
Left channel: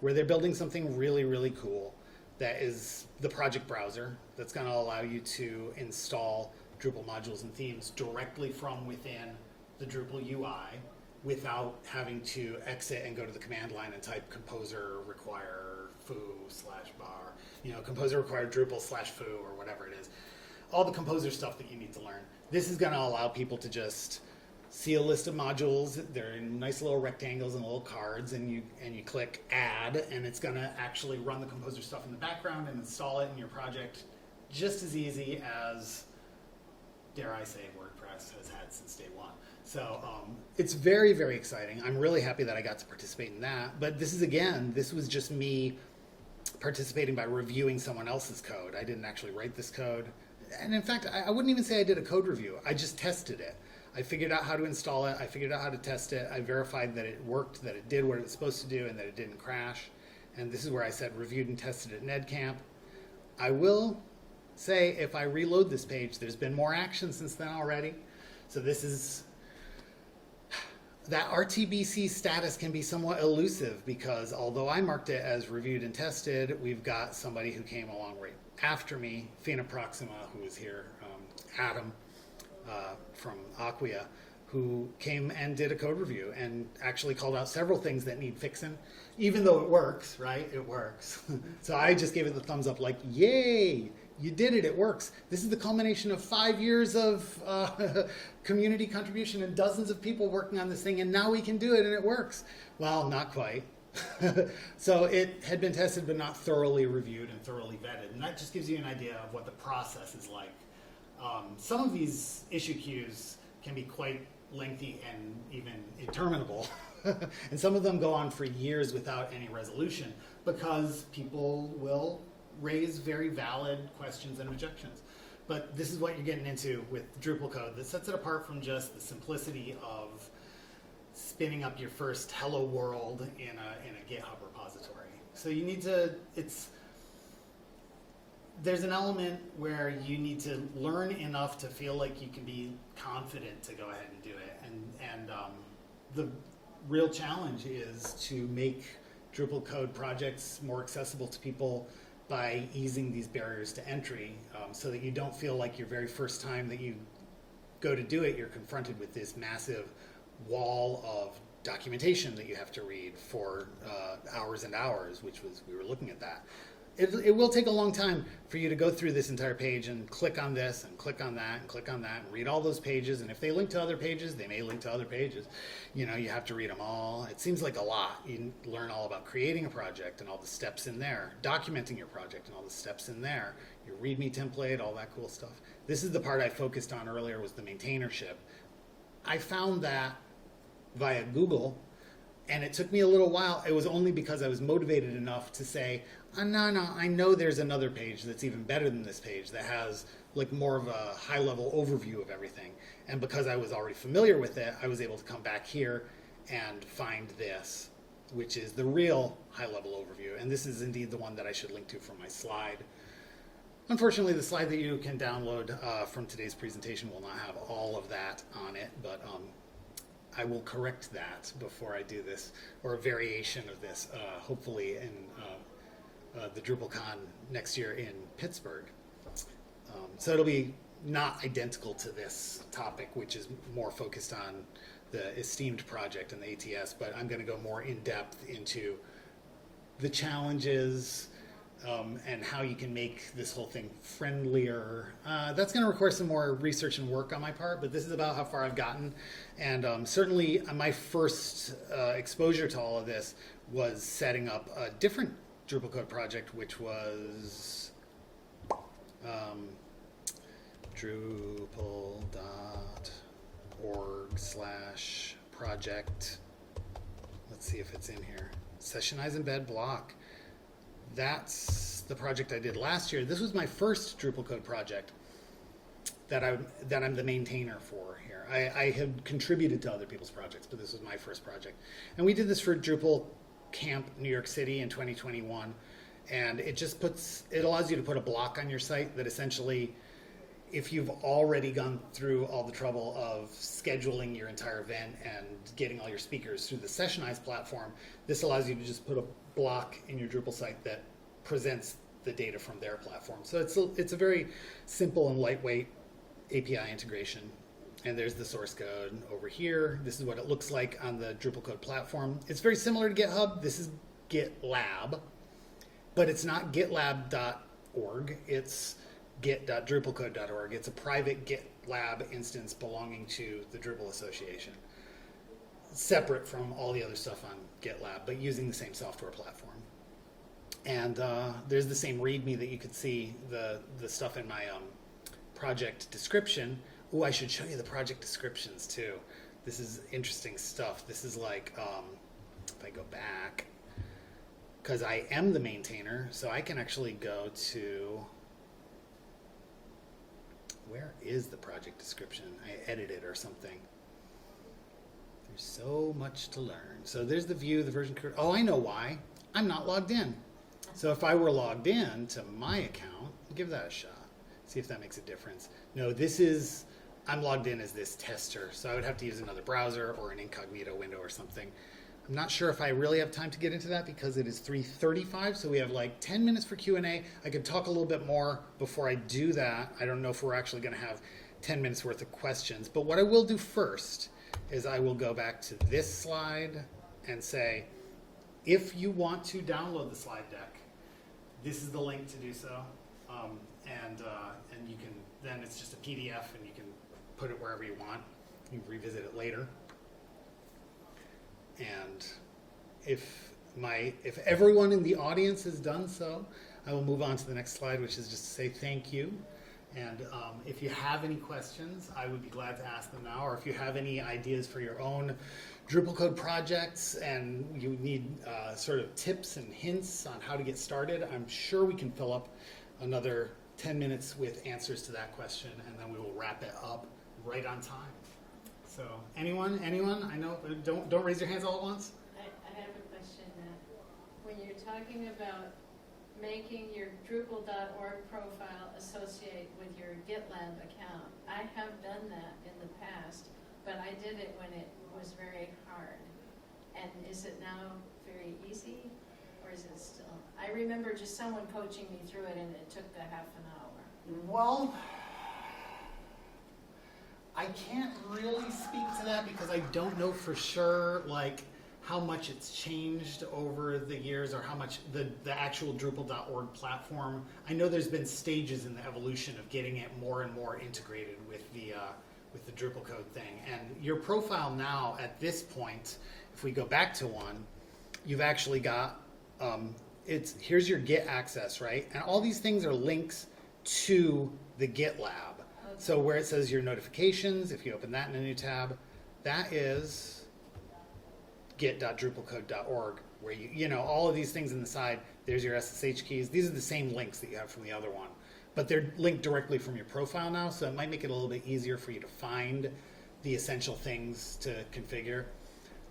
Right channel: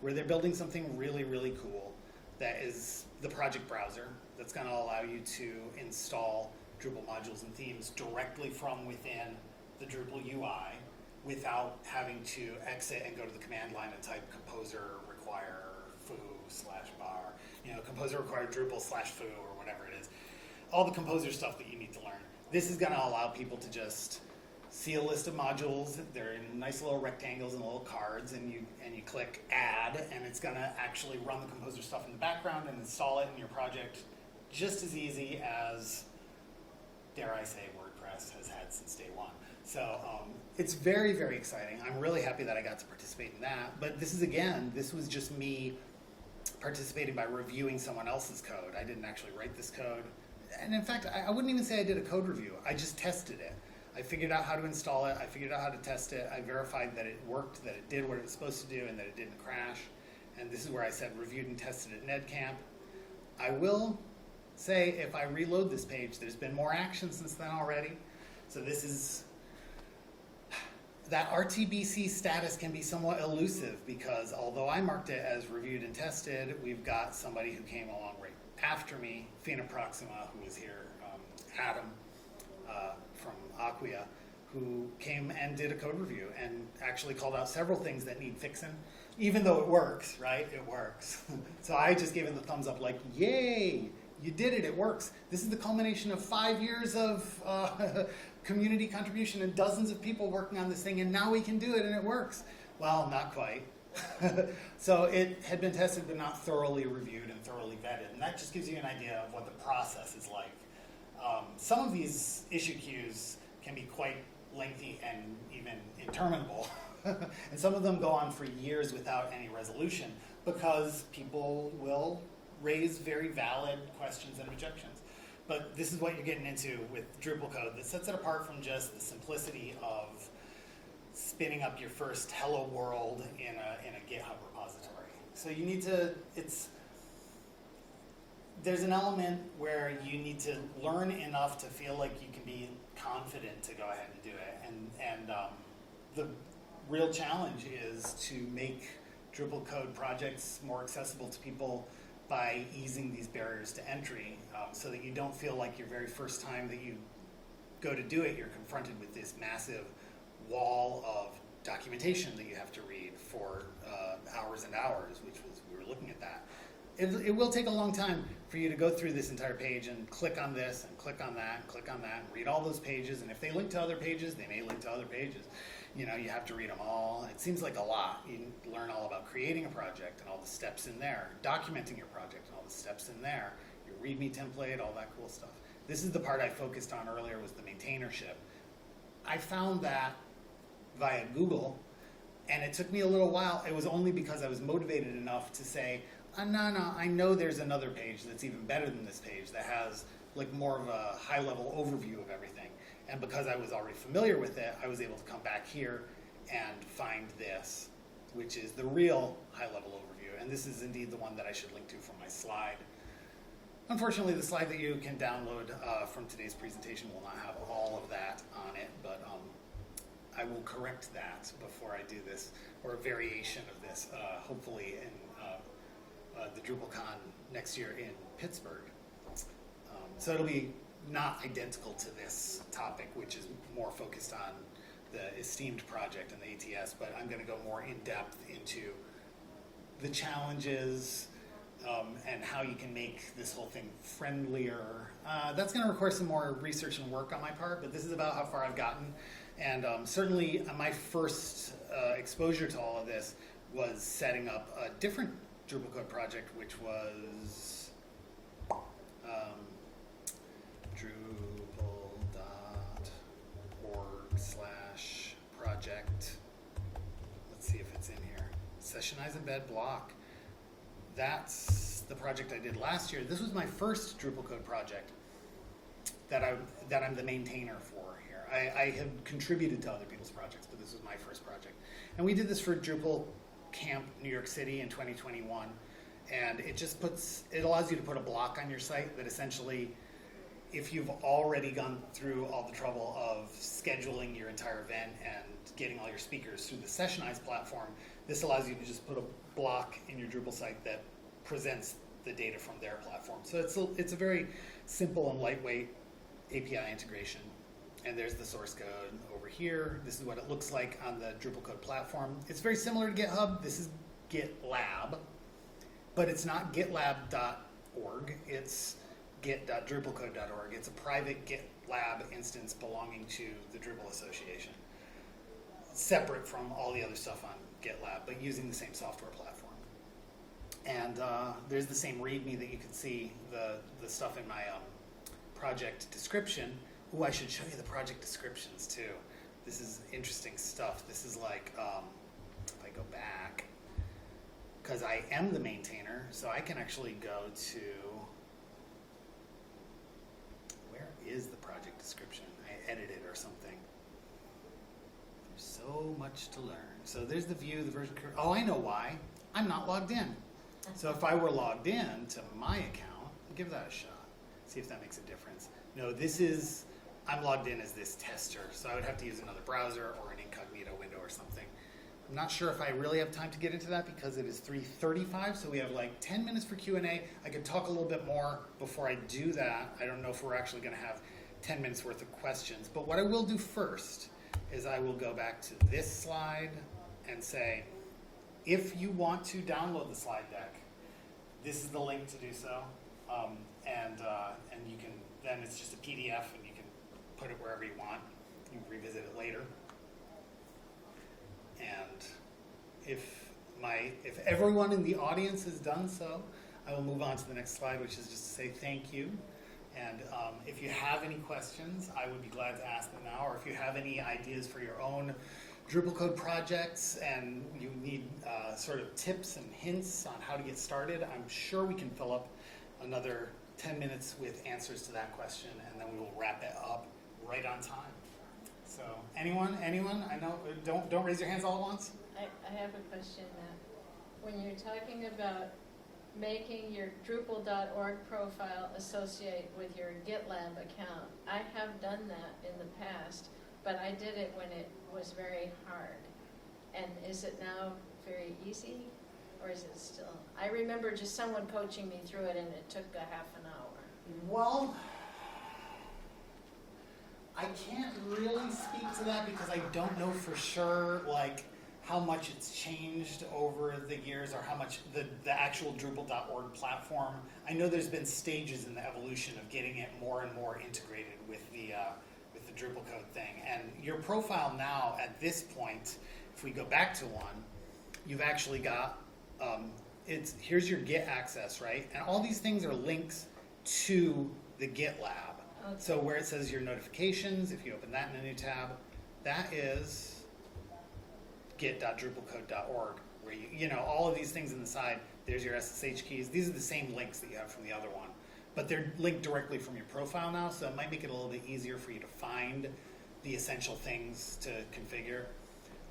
where they're building something really, really cool that is the project browser that's going to allow you to install Drupal modules and themes directly from within the Drupal UI without having to exit and go to the command line and type composer require foo/bar, composer require Drupal/foo or whatever it is. All the composer stuff that you need to learn. This is going to allow people to just see a list of modules. They're in nice little rectangles and little cards, and you click add, and it's going to actually run the composer stuff in the background and install it in your project just as easy as, dare I say, WordPress has had since day one. So it's very, very exciting. I'm really happy that I got to participate in that. But this was just me participating by reviewing someone else's code. I didn't actually write this code. And in fact, I wouldn't even say I did a code review. I just tested it. I figured out how to install it. I figured out how to test it. I verified that it worked, that it did what it was supposed to do, and that it didn't crash. And this is where I said reviewed and tested at NedCamp. I will say, if I reload this page, there's been more action since then already. So this is, that RTBC status can be somewhat elusive because although I marked it as reviewed and tested, we've got somebody who came along right after me, Fina Proxima, who was here, Adam from Acquia, who came and did a code review and actually called out several things that need fixing, even though it works, right? It works. So I just gave it the thumbs up like, yay, you did it, it works. This is the culmination of 5 years of community contribution and dozens of people working on this thing, and now we can do it and it works. Well, not quite. So it had been tested but not thoroughly reviewed and thoroughly vetted, and that just gives you an idea of what the process is like. Some of these issue queues can be quite lengthy and even interminable, and some of them go on for years without any resolution because people will raise very valid questions and objections. But this is what you're getting into with Drupalcode that sets it apart from just the simplicity of spinning up your first hello world in a GitHub repository. So you need to, there's an element where you need to learn enough to feel like you can be confident to go ahead and do it. And the real challenge is to make Drupalcode projects more accessible to people by easing these barriers to entry, so that you don't feel like your very first time that you go to do it, you're confronted with this massive wall of documentation that you have to read for hours and hours, we were looking at that. it will take a long time for you to go through this entire page and click on this and click on that and click on that and read all those pages. And if they link to other pages, they may link to other pages. You know, you have to read them all. It seems like a lot. You learn all about creating a project and all the steps in there, documenting your project and all the steps in there, your README template, all that cool stuff. This is the part I focused on earlier, was the maintainership. I found that via Google, and it took me a little while. It was only because I was motivated enough to say, oh, no, I know there's another page that's even better than this page that has like more of a high-level overview of everything. And because I was already familiar with it, I was able to come back here and find this, which is the real high-level overview. And this is indeed the one that I should link to from my slide. Unfortunately, the slide that you can download from today's presentation will not have all of that on it, but I will correct that before I do this, or a variation of this, hopefully in the Drupalcon next year in Pittsburgh. So it'll be not identical to this topic, which is more focused on the Esteemed project and the ATS, but I'm going to go more in depth into the challenges and how you can make this whole thing friendlier. That's going to require some more research and work on my part, but this is about how far I've gotten. And certainly my first exposure to all of this was setting up a different Drupalcode project, which was Drupal.org/project. Let's see if it's in here. Sessionize embed block. That's the project I did last year. This was my first Drupalcode project that I'm the maintainer for here. I had contributed to other people's projects, but this was my first project. And we did this for Drupal Camp New York City in 2021. And it allows you to put a block on your site that essentially, if you've already gone through all the trouble of scheduling your entire event and getting all your speakers through the Sessionize platform, this allows you to just put a block in your Drupal site that presents the data from their platform. So it's a very simple and lightweight API integration. And there's the source code over here. This is what it looks like on the Drupalcode platform. It's very similar to GitHub. This is GitLab, but it's not gitlab.org. It's git.drupalcode.org. It's a private GitLab instance belonging to the Drupal Association, separate from all the other stuff on GitLab, but using the same software platform. And there's the same README that you could see the stuff in my project description. Ooh, I should show you the project descriptions too. This is interesting stuff. This is like, if I go back, because I am the maintainer, so I can actually go to, where is the project description? I edited it or something. There's so much to learn. So there's the view, the version. Oh, I know why. I'm not logged in. So if I were logged in to my account, give that a shot. See if that makes a difference. No, I'm logged in as this tester, so I would have to use another browser or an incognito window or something. I'm not sure if I really have time to get into that because it is 3:35, so we have like 10 minutes for Q&A. I could talk a little bit more before I do that. I don't know if we're actually going to have 10 minutes worth of questions, but what I will do first is I will go back to this slide and say, if you want to download the slide deck, this is the link to do so, and you can, then it's just a PDF and you can put it wherever you want. You can revisit it later. And if everyone in the audience has done so, I will move on to the next slide, which is just to say thank you. And if you have any questions, I would be glad to ask them now, or if you have any ideas for your own Drupalcode projects and you need sort of tips and hints on how to get started, I'm sure we can fill up another 10 minutes with answers to that question, and then we will wrap it up right on time. So anyone? I know, don't raise your hands all at once. I have a question. When you're talking about making your Drupal.org profile associate with your GitLab account, I have done that in the past, but I did it when it was very hard. And is it now very easy, or is it still? I remember just someone coaching me through it, and it took a half an hour. Well, I can't really speak to that because I don't know for sure, like, how much it's changed over the years or how much the actual Drupal.org platform. I know there's been stages in the evolution of getting it more and more integrated with the Drupalcode thing. And your profile now at this point, if we go back to one, you've actually got, here's your Git access, right? And all these things are links to the GitLab. Okay. So where it says your notifications, if you open that in a new tab, that is git.drupalcode.org, where you know, all of these things on the side, there's your SSH keys. These are the same links that you have from the other one, but they're linked directly from your profile now, so it might make it a little bit easier for you to find the essential things to configure.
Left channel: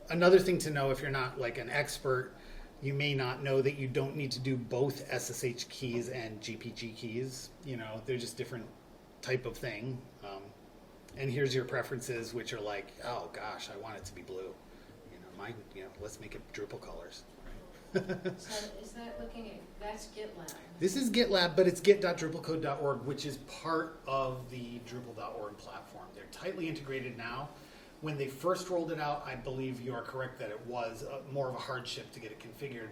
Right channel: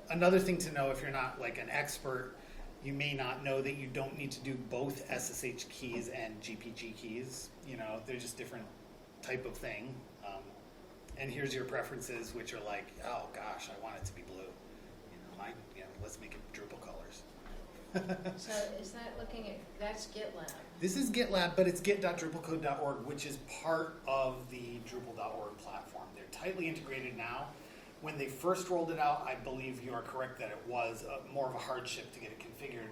Another thing to know, if you're not like an expert, you may not know that you don't need to do both SSH keys and GPG keys. You know, they're just different type of thing. And here's your preferences, which are like, oh gosh, I want it to be blue. Mine, yeah, let's make it Drupal colors. So is that looking at, that's GitLab? This is GitLab, but it's git.drupalcode.org, which is part of the Drupal.org platform. They're tightly integrated now. When they first rolled it out, I believe you are correct that it was more of a hardship to get it configured.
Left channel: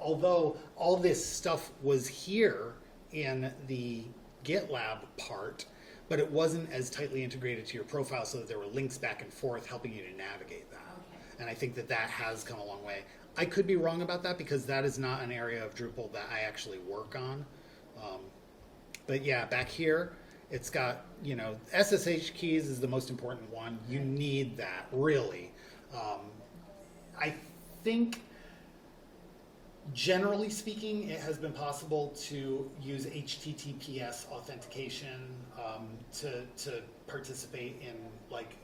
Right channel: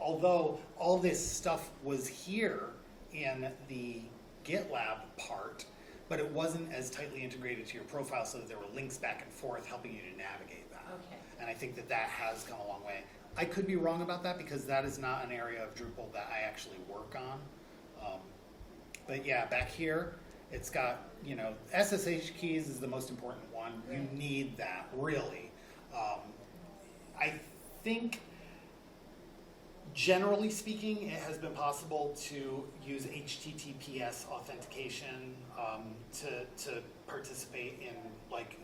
Although all this stuff was here in the GitLab part, but it wasn't as tightly integrated to your profile, so that there were links back and forth helping you to navigate that. Okay. And I think that that has come a long way. I could be wrong about that because that is not an area of Drupal that I actually work on. But yeah, back here, it's got, you know, SSH keys is the most important one. You need that, really. I think, generally speaking, it has been possible to use HTTPS authentication to participate in, like,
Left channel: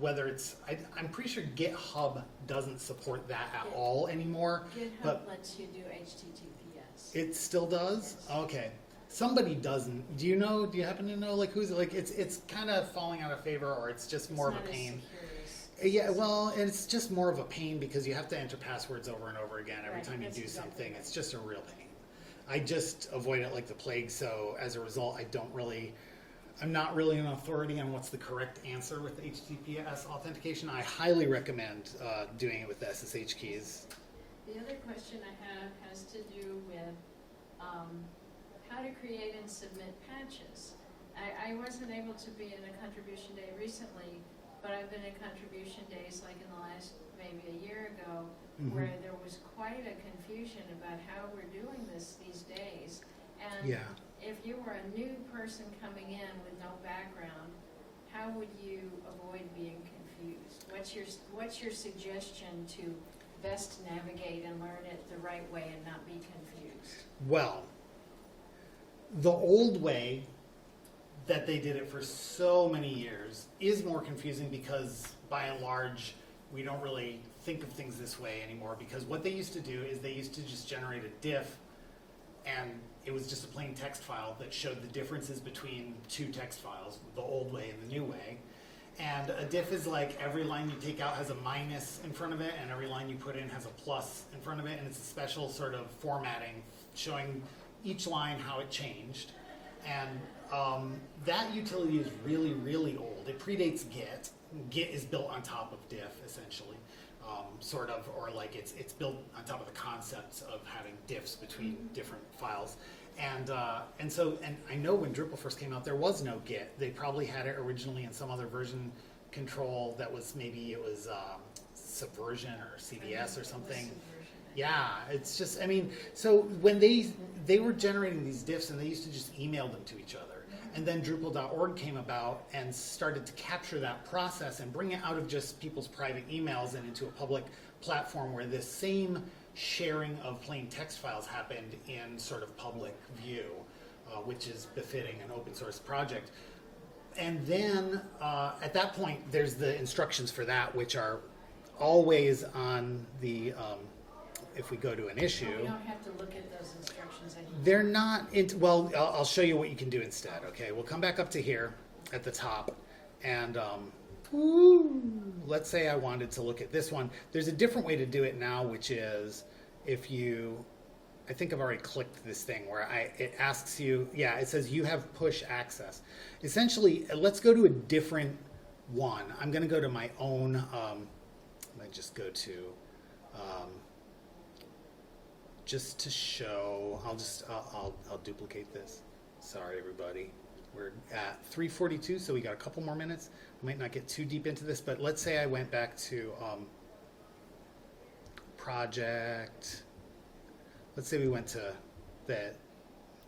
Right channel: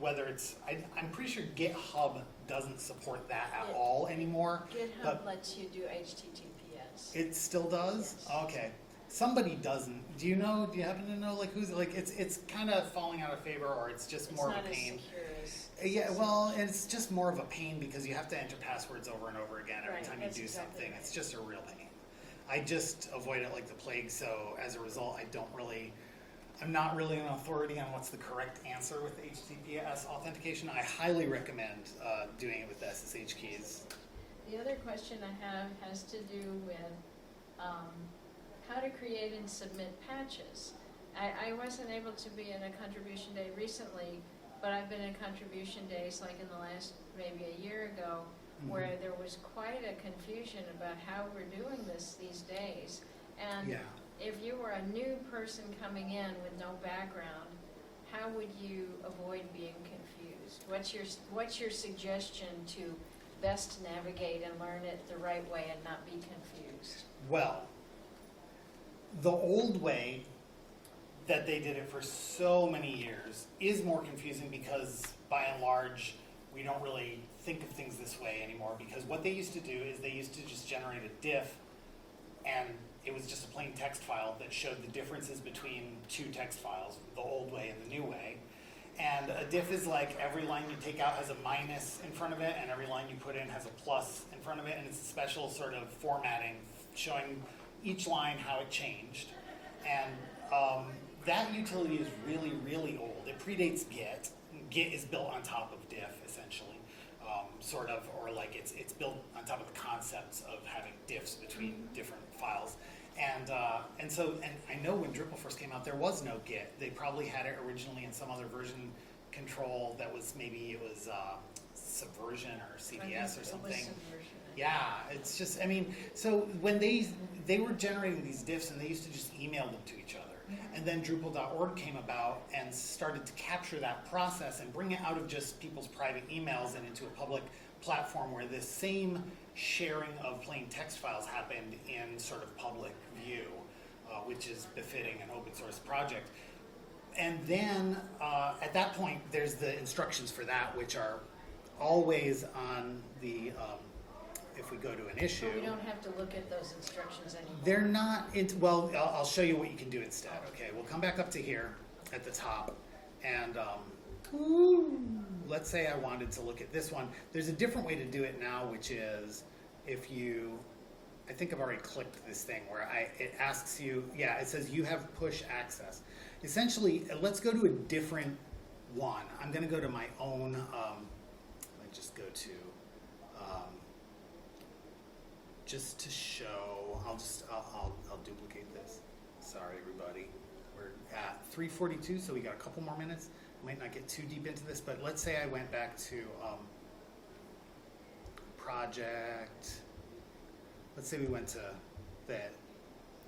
whether it's, I'm pretty sure GitHub doesn't support that at all anymore. GitHub lets you do HTTPS. It still does? Yes. Okay. Somebody doesn't. Do you happen to know, like, who's, like, it's kind of falling out of favor, or it's just more of a pain? Yeah, well, and it's just more of a pain because you have to enter passwords over and over again every time you do something. Right. It's just a real pain. I just avoid it like the plague, so as a result, I'm not really an authority on what's the correct answer with HTTPS authentication. I highly recommend doing it with the SSH keys. The other question I have has to do with how to create and submit patches. I wasn't able to be in a contribution day recently, but I've been in contribution days like in the last maybe a year ago, where there was quite a confusion about how we're doing this these days. And Yeah. if you were a new person coming in with no background, how would you avoid being confused? What's your suggestion to best navigate and learn it the right way and not be confused? Well, the old way that they did it for so many years is more confusing because, by and large, we don't really think of things this way anymore, because what they used to do is they used to just generate a diff, and it was just a plain text file that showed the differences between two text files, the old way and the new way. And a diff is like every line you take out has a minus in front of it, and every line you put in has a plus in front of it, and it's a special sort of formatting showing each line how it changed. And that utility is really, really old. It predates Git. Git is built on top of diff, essentially, sort of, or like it's built on top of the concepts of having diffs between different files. And I know when Drupal first came out, there was no Git. They probably had it originally in some other version control that was, maybe it was Subversion or CDS or something. Yeah, it's just, I mean, so when they were generating these diffs, and they used to just email them to each other. And then Drupal.org came about and started to capture that process and bring it out of just people's private emails and into a public platform where this same sharing of plain text files happened in sort of public view, which is befitting an open source project. And then at that point, there's the instructions for that, which are always on the, if we go to an issue. But we don't have to look at those instructions anymore. They're not, well, I'll show you what you can do instead, okay? We'll come back up to here at the top, and let's say I wanted to look at this one. There's a different way to do it now, which is if you, I think I've already clicked this thing where it asks you, yeah, it says you have push access. Essentially, let's go to a different one. I'm gonna go to my own, let's just go to just to show, I'll duplicate this. Sorry, everybody. We're at 3:42, so we got a couple more minutes. Might not get too deep into this, but let's say I went back to project. Let's say we went to the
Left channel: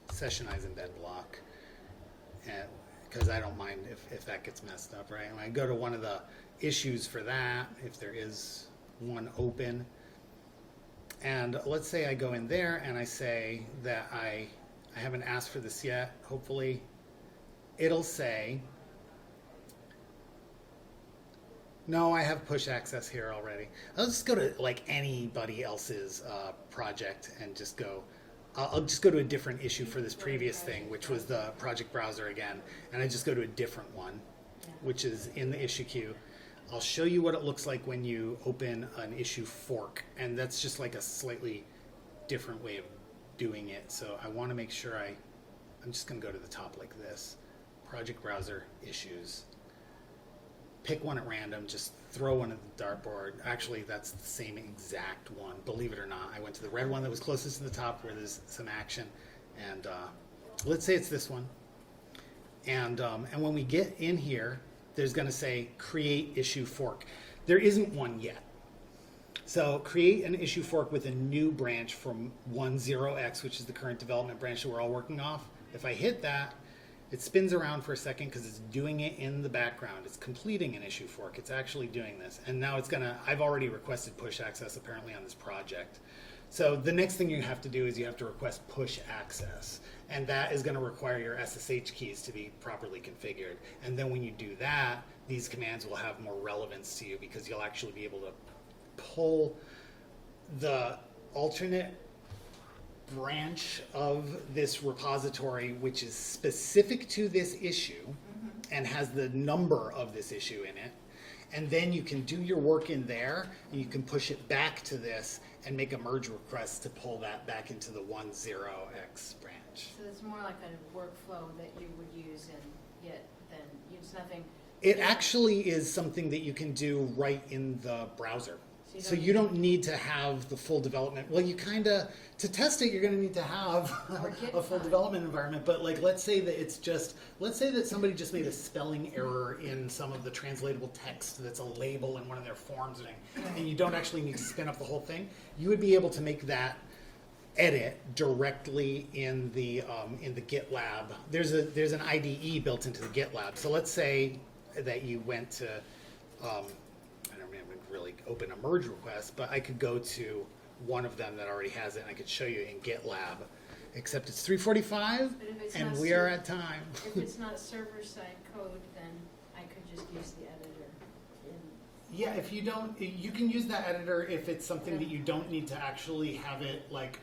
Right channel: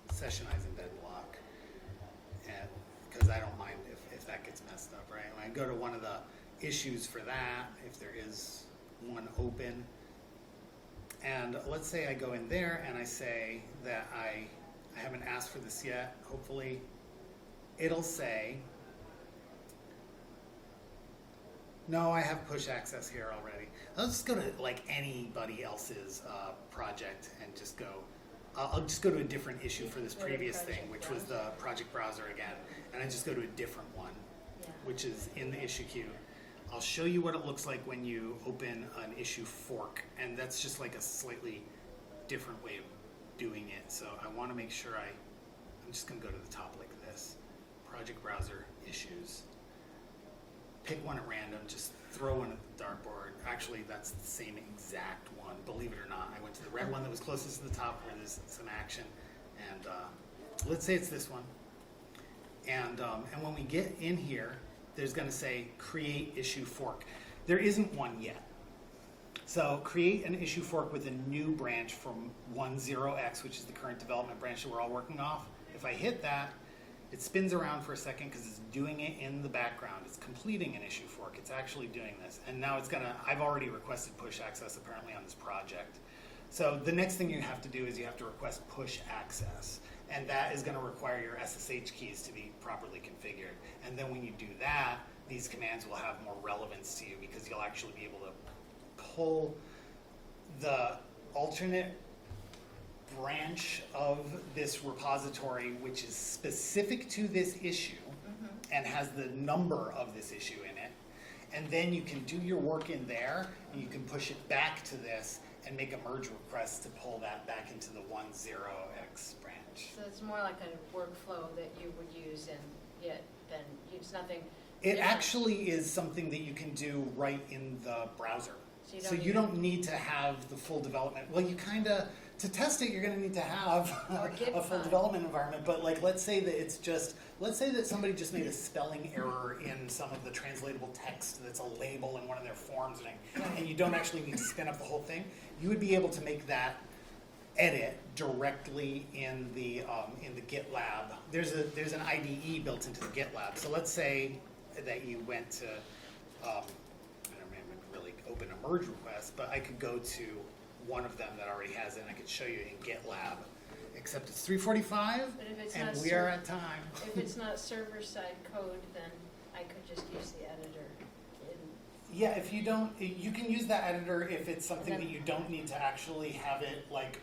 sessionize embed block, and because I don't mind if that gets messed up, right? And I go to one of the issues for that, if there is one open, and let's say I go in there and I say that I haven't asked for this yet. Hopefully, it'll say, no, I have push access here already. I'll just go to like anybody else's project and just go. I'll just go to a different issue for this previous thing, which was the project browser again, and I just go to a different one, which is in the issue queue. I'll show you what it looks like when you open an issue fork, and that's just like a slightly different way of doing it. So I want to make sure I'm just going to go to the top like this. Project browser issues. Pick one at random, just throw one at the dartboard. Actually, that's the same exact one, believe it or not. I went to the red one that was closest to the top where there's some action, and let's say it's this one. And when we get in here, there's going to say create issue fork. There isn't one yet. So create an issue fork with a new branch from 10x, which is the current development branch that we're all working off. If I hit that, it spins around for a second because it's doing it in the background. It's completing an issue fork. It's actually doing this. And now it's gonna, I've already requested push access apparently on this project. So the next thing you have to do is you have to request push access. And that is gonna require your SSH keys to be properly configured. And then when you do that, these commands will have more relevance to you because you'll actually be able to pull the alternate branch of this repository which is specific to this issue and has the number of this issue in it, and then you can do your work in there and you can push it back to this and make a merge request to pull that back into the 10x branch. So it's more like a workflow that you would use in Git than, it's nothing. It actually is something that you can do right in the browser. So you don't need to have the full development. Well, you kind of, to test it, you're going to need to have a full development environment. But like, let's say that it's just, let's say that somebody just made a spelling error in some of the translatable text that's a label in one of their forms, and you don't actually need to spin up the whole thing. You would be able to make that edit directly in the GitLab. There's an IDE built into the GitLab. So let's say that you went to open a merge request, but I could go to one of them that already has it and I could show you in GitLab, except it's 3:45 and we are at time. If it's not server-side code, then I could just use the editor. Yeah, if you don't, you can use that editor if it's something that you don't need to actually have it like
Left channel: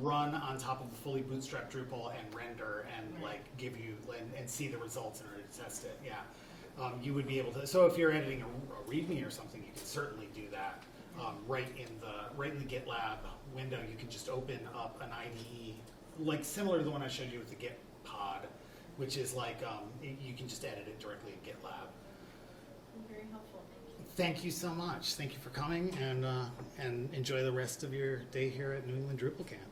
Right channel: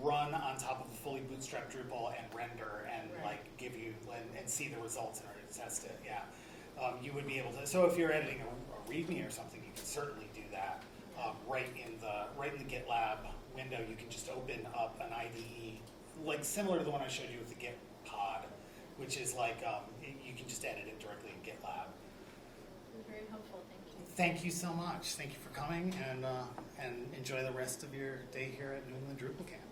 run on top of a fully bootstrapped Drupal and render and like give you and see the results in order to test it. Yeah, you would be able to. So if you're editing a README or something, you can certainly do that right in the GitLab window. You can just open up an IDE, like similar to the one I showed you with the Git pod, which is like you can just edit it directly in GitLab. Very helpful. Thank you so much. Thank you for coming, and enjoy the rest of your day here at New England Drupal Camp.